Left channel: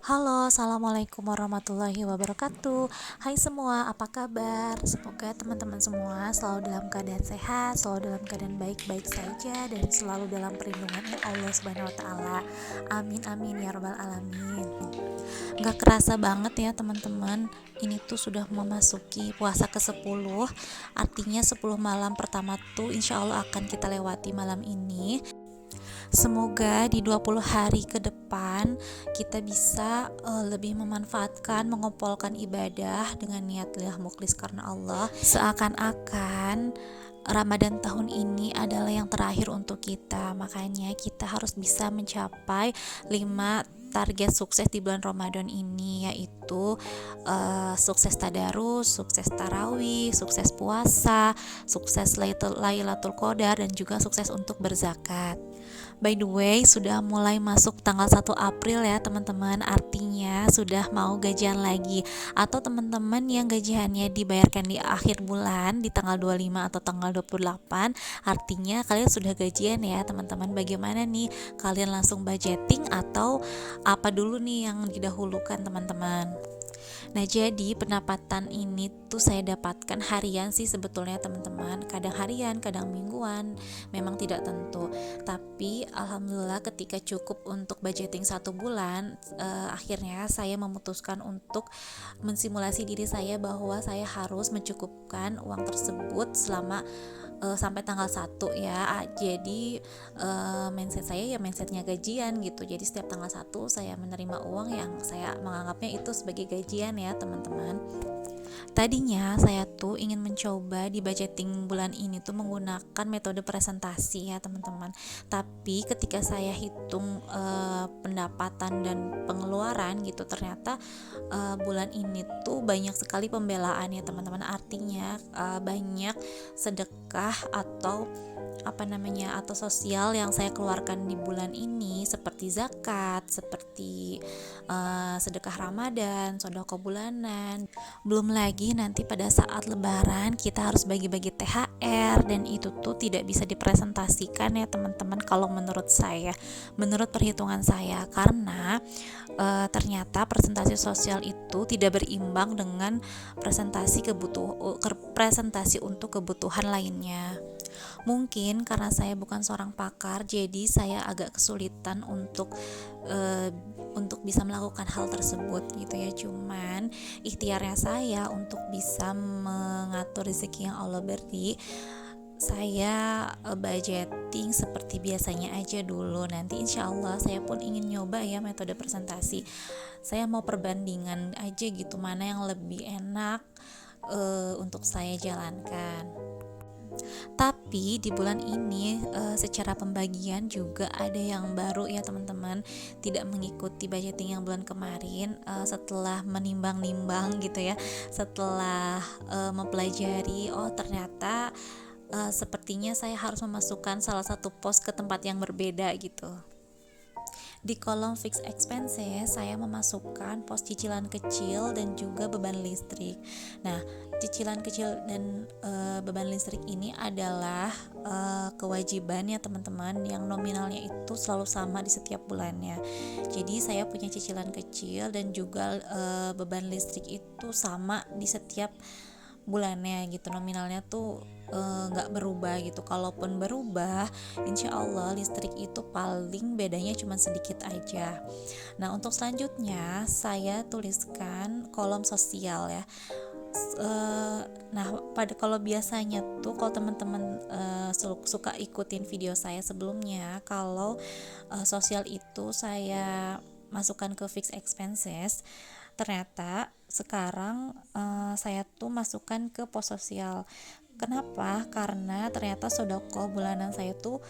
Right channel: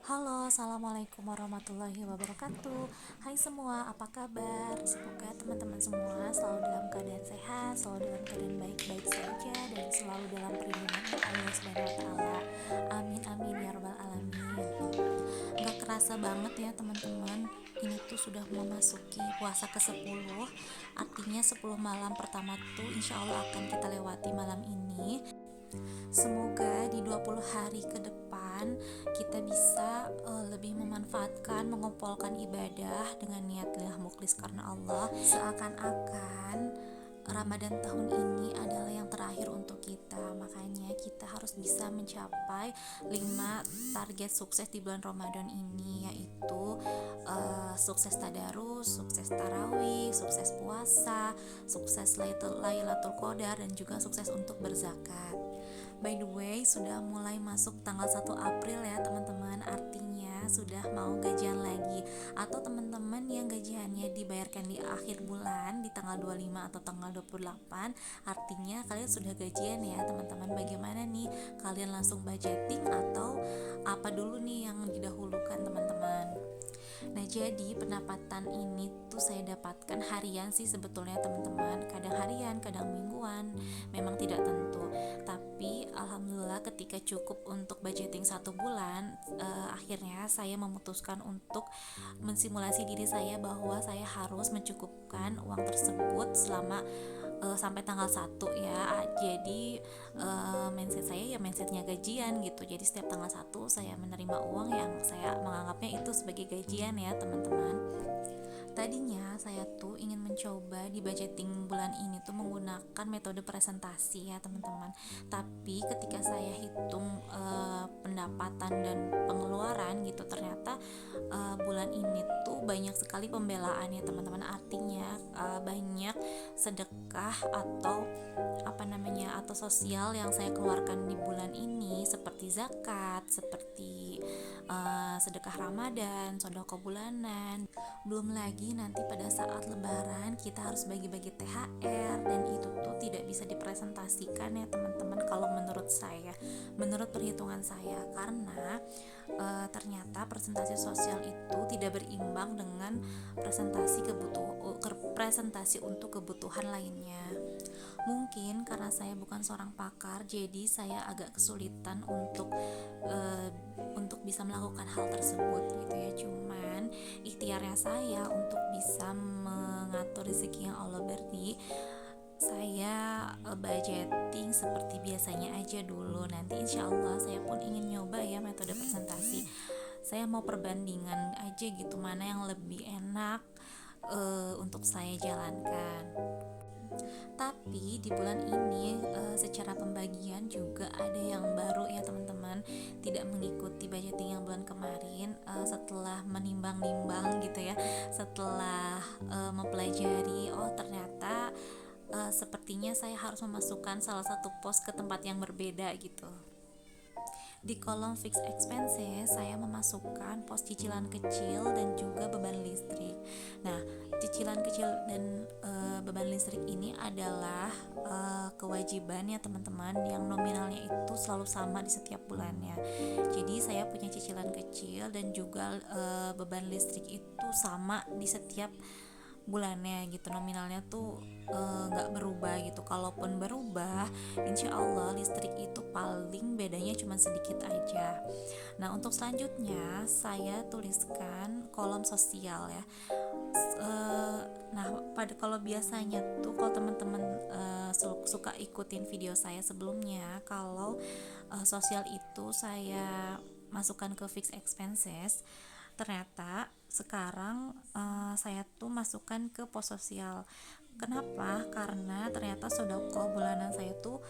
Halo, assalamualaikum warahmatullahi wabarakatuh. Hai semua, apa kabar? Semoga teman-teman semua selalu dalam keadaan sehat, selalu dalam keadaan baik-baik saja, dan selalu dalam perlindungan Allah Subhanahu wa Ta'ala. Amin, amin ya Rabbal 'Alamin. Gak kerasa banget ya teman-teman, ini tuh sudah memasuki puasa ke-10. Artinya 10 malam pertama tuh insya Allah akan kita lewati malam ini. Semoga di 20 hari ke depan kita bisa lebih memanfaatkan, mengumpulkan ibadah dengan niat lillah mukhlis karena Allah. Seakan-akan Ramadan tahun ini adalah yang terakhir untuk kita. Makanya kita harus bisa mencapai 5 target sukses di bulan Ramadan ini, yaitu sukses tadarus, sukses tarawih, sukses puasa, sukses Lailatul Qadar, dan juga sukses untuk berzakat. By the way, sudah mulai masuk tanggal 1 April ya teman-teman. Artinya sudah mau gajian lagi. Atau teman-teman yang gajiannya dibayarkan di akhir bulan di tanggal 25 atau tanggal 28, artinya kalian sudah gajian ya teman-teman. Bagaimana nih? Kalian langsung budgeting atau apa dulu nih yang didahulukan teman-teman? Nah, jadi pendapatan ini tuh saya dapatkan harian sih sebetulnya teman-teman. Kadang harian, kadang mingguan, memang tidak tentu. Tapi alhamdulillah ketika cukup untuk budgeting 1 bulan, akhirnya saya memutuskan untuk mensimulasi diri saya bahwa saya harus mencukupkan uang tersebut selama sampai tanggal 1 ya. Jadi mindset saya ya mindsetnya gajian gitu. Jadi setiap tanggal 1 saya menerima uang yang saya menganggapnya itu sebagai gajian ya teman-teman. Tadinya saya tuh ingin mencoba di budgeting bulan ini tuh menggunakan metode presentasi ya teman-teman. Tapi ketika saya hitung pendapatan dan pengeluaran gitu, ternyata bulan ini tuh banyak sekali pembelaan ya teman-teman. Artinya banyak sedekah atau atau sosial yang saya keluarkan di bulan ini, seperti zakat, seperti sedekah Ramadan, sedekah bulanan. Belum lagi nanti pada saat lebaran kita harus bagi-bagi THR, dan itu tuh tidak bisa dipresentasikan ya teman-teman kalau menurut saya, menurut perhitungan saya, karena ternyata presentasi sosial itu tidak berimbang dengan presentasi untuk kebutuhan lainnya. Mungkin karena saya bukan seorang pakar, jadi saya agak kesulitan uh, untuk bisa melakukan hal tersebut gitu ya. Cuman ikhtiarnya saya untuk bisa mengatur rezeki yang Allah beri, saya budgeting seperti biasanya aja dulu. Nanti insya Allah saya pun ingin nyoba ya metode presentasi. Saya mau perbandingan aja gitu, mana yang lebih enak untuk saya jalankan. Tapi di bulan ini secara pembagian juga ada yang baru ya teman-teman. Tidak mengikuti budgeting yang bulan kemarin. Setelah menimbang-nimbang gitu ya, setelah mempelajari, oh ternyata sepertinya saya harus memasukkan salah satu pos ke tempat yang berbeda gitu. Di kolom fixed expenses saya memasukkan pos cicilan kecil dan juga beban listrik. Nah, cicilan kecil dan beban listrik ini adalah kewajiban ya teman-teman, yang nominalnya itu selalu sama di setiap bulannya. Jadi saya punya cicilan kecil dan juga beban listrik itu sama di setiap bulannya gitu. Nominalnya tuh nggak berubah gitu. Kalaupun berubah, insya Allah listrik itu paling bedanya cuma sedikit aja. Nah, untuk selanjutnya saya tuliskan kolom sosial ya. Nah, kalau biasanya tuh kalau teman-teman suka ikutin video saya sebelumnya, kalau sosial itu saya masukkan ke fixed expenses, ternyata sekarang saya tuh masukkan ke pos sosial. Kenapa? Karena ternyata sodako bulanan saya tuh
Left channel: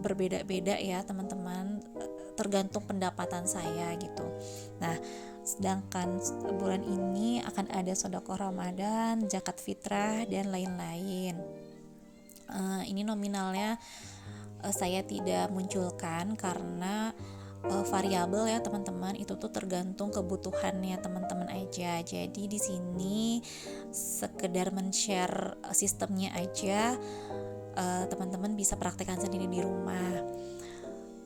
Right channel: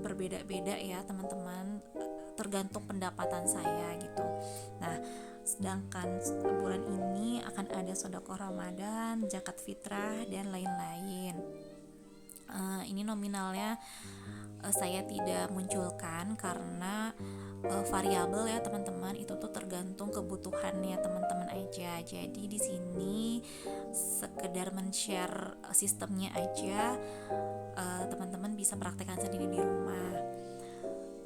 berbeda-beda ya teman-teman, tergantung pendapatan saya gitu. Nah, sedangkan bulan ini akan ada sodako Ramadan, zakat fitrah, dan lain-lain. Ini nominalnya saya tidak munculkan karena variabel ya teman-teman, itu tuh tergantung kebutuhannya teman-teman aja. Jadi di sini sekedar men-share sistemnya aja, teman-teman bisa praktekkan sendiri di rumah.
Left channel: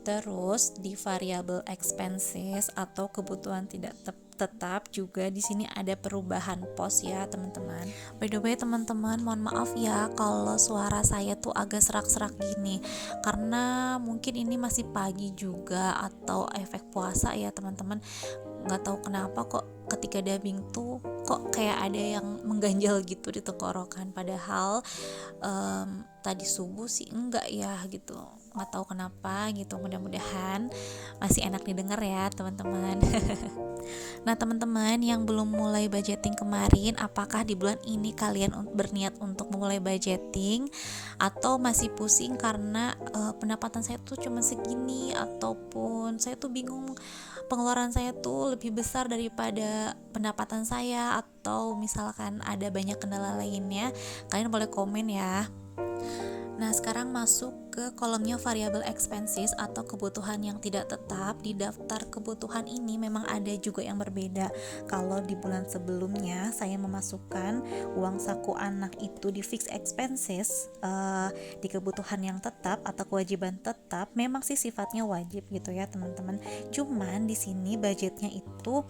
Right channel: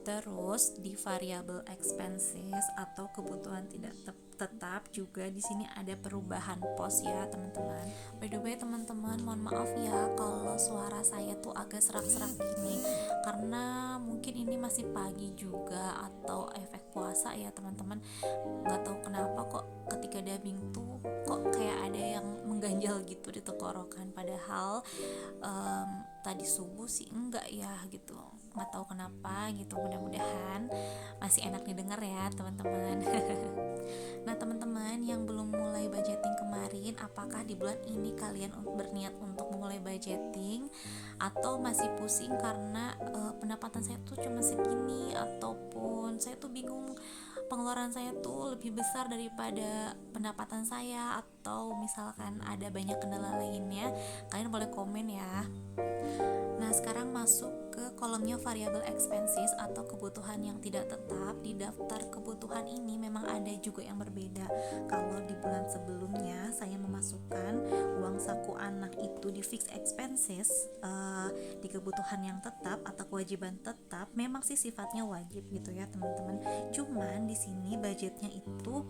Terus di variable expenses atau kebutuhan tidak tetap juga di sini ada perubahan pos ya teman-teman. By the way teman-teman, mohon maaf ya kalau suara saya tuh agak serak-serak gini karena mungkin ini masih pagi juga atau efek puasa ya teman-teman. Nggak tahu kenapa kok ketika dubbing tuh kok kayak ada yang mengganjal gitu di tenggorokan, padahal tadi subuh sih enggak ya gitu, nggak tahu kenapa gitu. Mudah-mudahan masih enak didengar ya teman-teman. Nah teman-teman yang belum mulai budgeting kemarin, apakah di bulan ini kalian berniat untuk memulai budgeting atau masih pusing karena pendapatan saya tuh cuma segini, ataupun saya tuh bingung pengeluaran saya tuh lebih besar daripada pendapatan saya, atau misalkan ada banyak kendala lainnya, kalian boleh komen ya. Nah, sekarang masuk ke kolomnya variable expenses atau kebutuhan yang tidak tetap. Di daftar kebutuhan ini memang ada juga yang berbeda. Kalau di bulan sebelumnya saya memasukkan uang saku anak itu di fixed expenses, di kebutuhan yang tetap atau kewajiban tetap, memang sih sifatnya wajib gitu ya teman-teman. Cuman di sini budgetnya itu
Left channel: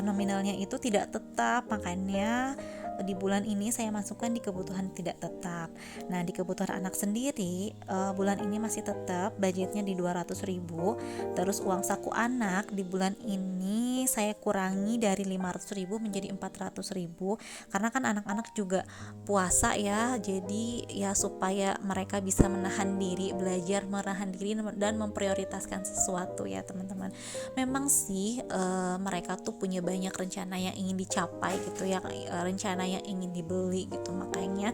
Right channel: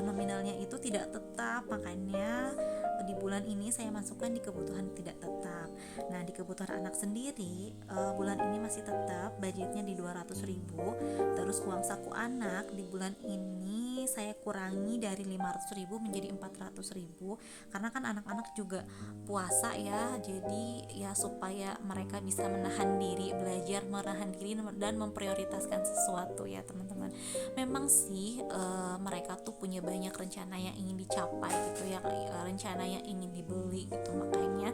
nominalnya itu tidak tetap, makanya di bulan ini saya masukkan di kebutuhan tidak tetap. Nah, di kebutuhan anak sendiri bulan ini masih tetap budgetnya di 200.000. Terus uang saku anak di bulan ini saya kurangi dari 500.000 menjadi 400.000 karena kan anak-anak juga puasa ya. Jadi ya supaya mereka bisa menahan diri, belajar menahan diri dan memprioritaskan sesuatu ya teman-teman. Memang sih mereka tuh punya banyak rencana yang ingin dicapai gitu ya, rencana yang ingin dibeli gitu, makanya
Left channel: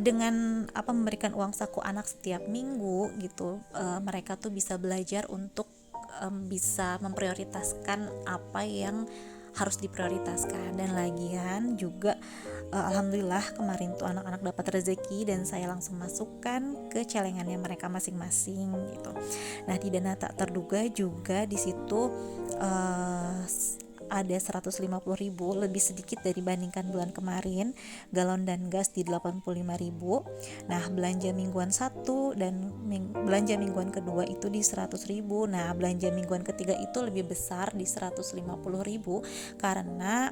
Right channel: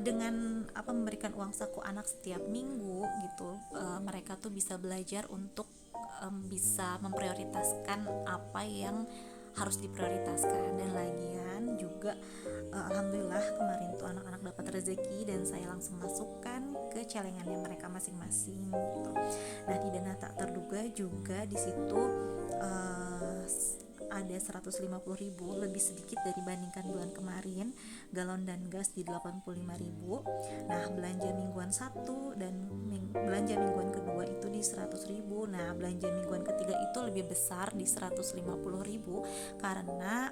dengan memberikan uang saku anak setiap minggu gitu, mereka tuh bisa belajar untuk bisa memprioritaskan apa yang harus diprioritaskan. Dan lagian juga alhamdulillah kemarin tuh anak-anak dapat rezeki dan saya langsung masukkan ke celengannya mereka masing-masing gitu. Nah, di dana tak terduga juga di situ ada 150.000, lebih sedikit dibandingkan bulan kemarin. Galon dan gas di 85.000. Nah, belanja mingguan 1 dan belanja mingguan kedua itu di 100.000. Nah, belanja mingguan ketiga itu lebih besar di 150.000 karena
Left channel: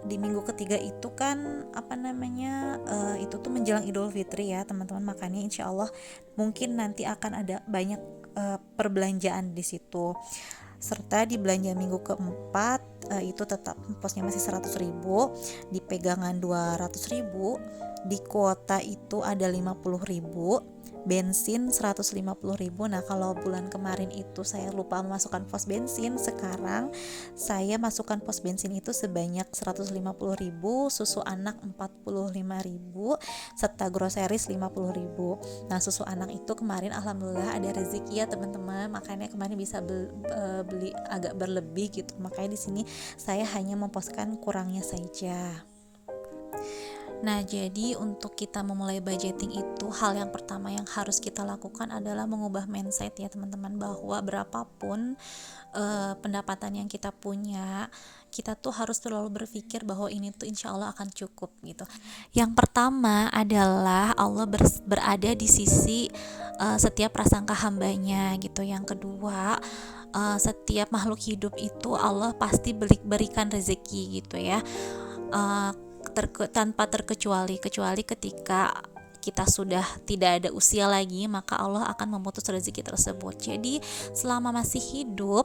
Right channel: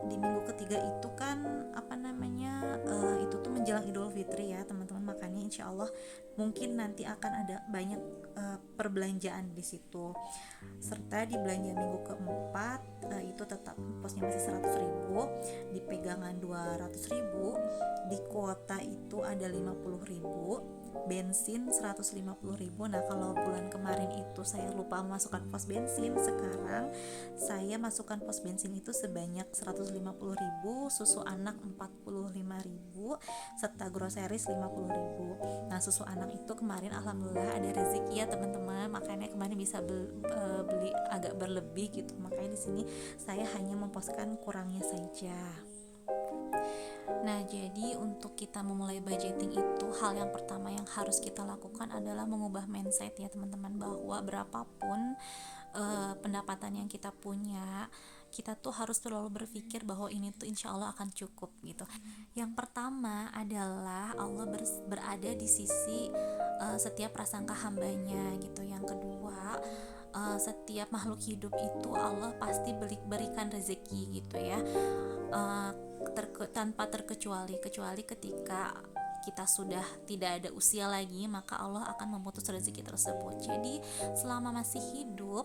di minggu ketiga itu kan itu tuh menjelang Idul Fitri ya teman-teman, makanya insya Allah mungkin nanti akan ada banyak perbelanjaan di situ. Serta di belanja minggu keempat itu tetap posnya masih 100.000, di pegangan 200.000, di kuota itu ada 50.000, bensin 150.000. Nah, kalau bulan kemarin itu saya lupa memasukkan pos bensin, sekarang saya masukkan pos bensin itu sebanyak 150.000, susu anak 45.000, serta groceries 50.000. Nah, susu anak itu kemarin alhamdulillah ada rezeki ya teman-teman, makanya kemarin bisa beli agak berlebih gitu, makanya di sini saya hanya memposkan kurangnya saja. Nah, jadi untuk kita memulai budgeting itu, hal yang pertama yang harus kita lakukan adalah mengubah mindset ya teman-teman, bahwa berapapun pendapatan yang kita punya, kita tuh harus selalu berpikir bahwa ini tuh insya Allah akan cukup gitu. Yang pertama adalah Allah berada di sisi setiap prasangka hambanya gitu. Yang kedua, setiap makhluk hidup itu Allah pasti berikan rezeki gitu ya, tanpa kecuali ketika kita sudah tidak ada usia lagi, maka Allah akan memutus rezeki tersebut. Jadi selama masih hidup,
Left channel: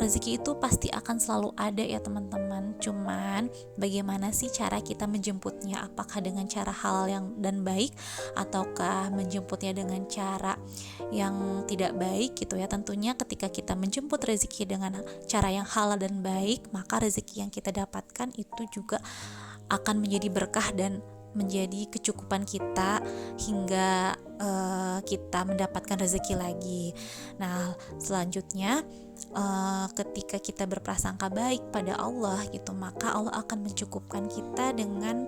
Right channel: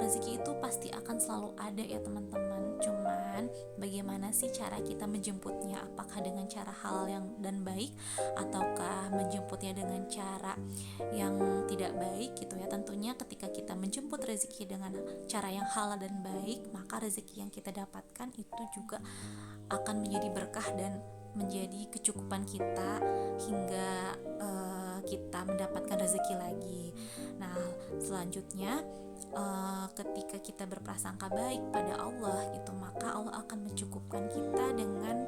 rezeki itu pasti akan selalu ada ya teman-teman. Cuman bagaimana sih cara kita menjemputnya? Apakah dengan cara halal yang dan baik, ataukah menjemputnya dengan cara yang tidak baik gitu ya? Tentunya ketika kita menjemput rezeki dengan cara yang halal dan baik, maka rezeki yang kita dapatkan itu juga akan menjadi berkah dan menjadi kecukupan kita hingga kita mendapatkan rezeki lagi. Nah, selanjutnya ketika kita berprasangka baik pada Allah gitu, maka Allah akan mencukupkan kita dengan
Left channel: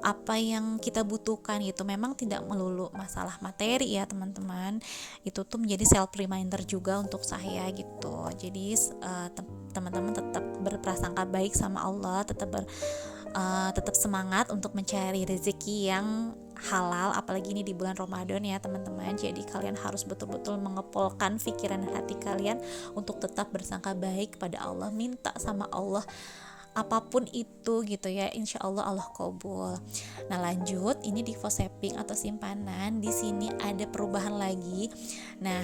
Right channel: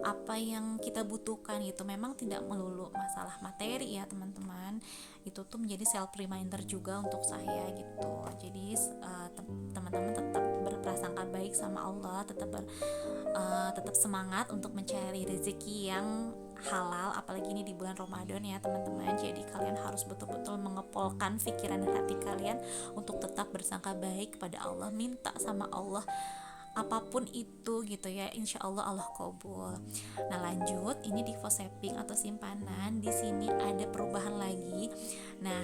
apa yang kita butuhkan gitu. Memang tidak melulu masalah materi ya teman-teman, itu tuh menjadi self reminder juga untuk saya gitu. Jadi teman-teman tetap berprasangka baik sama Allah, tetap semangat untuk mencari rezeki yang halal, apalagi ini di bulan Ramadan ya teman-teman. Jadi kalian harus betul-betul mengepolkan pikiran dan hati kalian untuk tetap bersangka baik pada Allah, minta sama Allah apapun itu gitu ya, insya Allah Allah kabul. Nah lanjut, ini di default saving atau simpanan, di sini ada perubahan lagi. Nah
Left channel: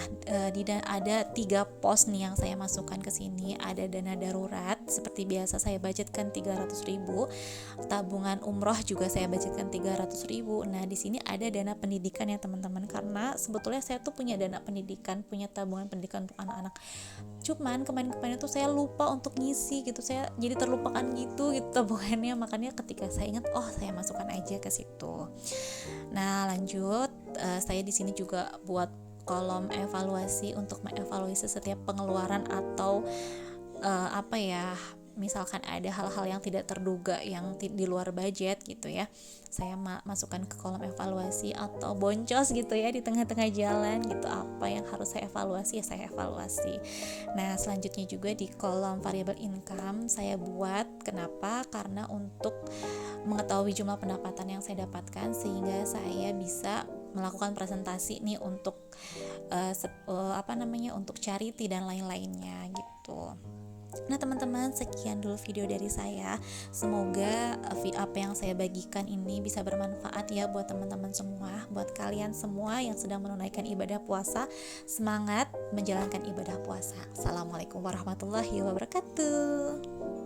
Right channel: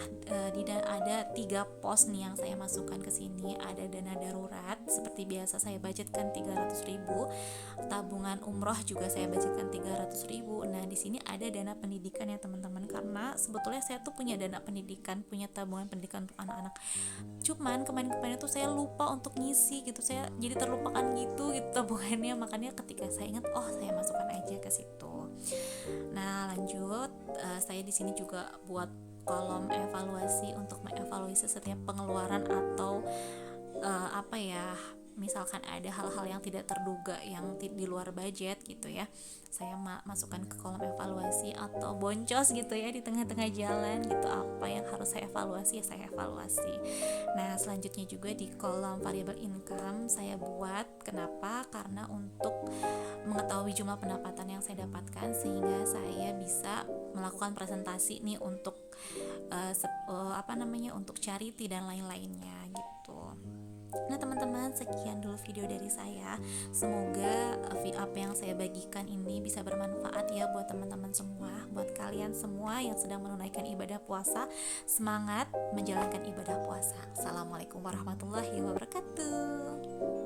ada 3 pos nih yang saya masukkan ke sini. Ada dana darurat seperti biasa saya budgetkan 300.000, tabungan umroh juga saya budgetkan 300.000. Nah di sini ada dana pendidikan ya teman-teman, karena sebetulnya saya tuh punya dana pendidikan, punya tabungan pendidikan untuk anak-anak. Cuman kemarin-kemarin tuh saya lupa untuk ngisi gitu, saya jadi terlupakan gitu tabungannya, makanya ketika saya ingat, oh saya masukkan aja ke situ. Nah lanjut, saya di sini juga buat kolom evaluasi untuk mengevaluasi setiap pengeluaran atau misalkan ada hal-hal yang tidak terduga yang di luar budget gitu ya, saya masukkan ke kolom evaluasi, atau boncos gitu ya di tengah-tengah jalan gitu, apa yang harus saya evaluasi ya saya evaluasi. Nah selanjutnya juga di kolom variable income saya buat, kenapa? Karena untuk mengetahui jumlah pendapatan yang saya dapatkan sehingga saya bisa melakukan presentasi nih untuk untuk charity dan lain-lainnya gitu. Nah teman-teman, sekian dulu video dari saya. Semoga apa yang saya bagikan ini bisa bermanfaat ya buat teman-teman semua, buat kalian semua yang sedang menunaikan ibadah puasa. Semangat menjalankan ibadah puasa. Assalamualaikum warahmatullahi wabarakatuh.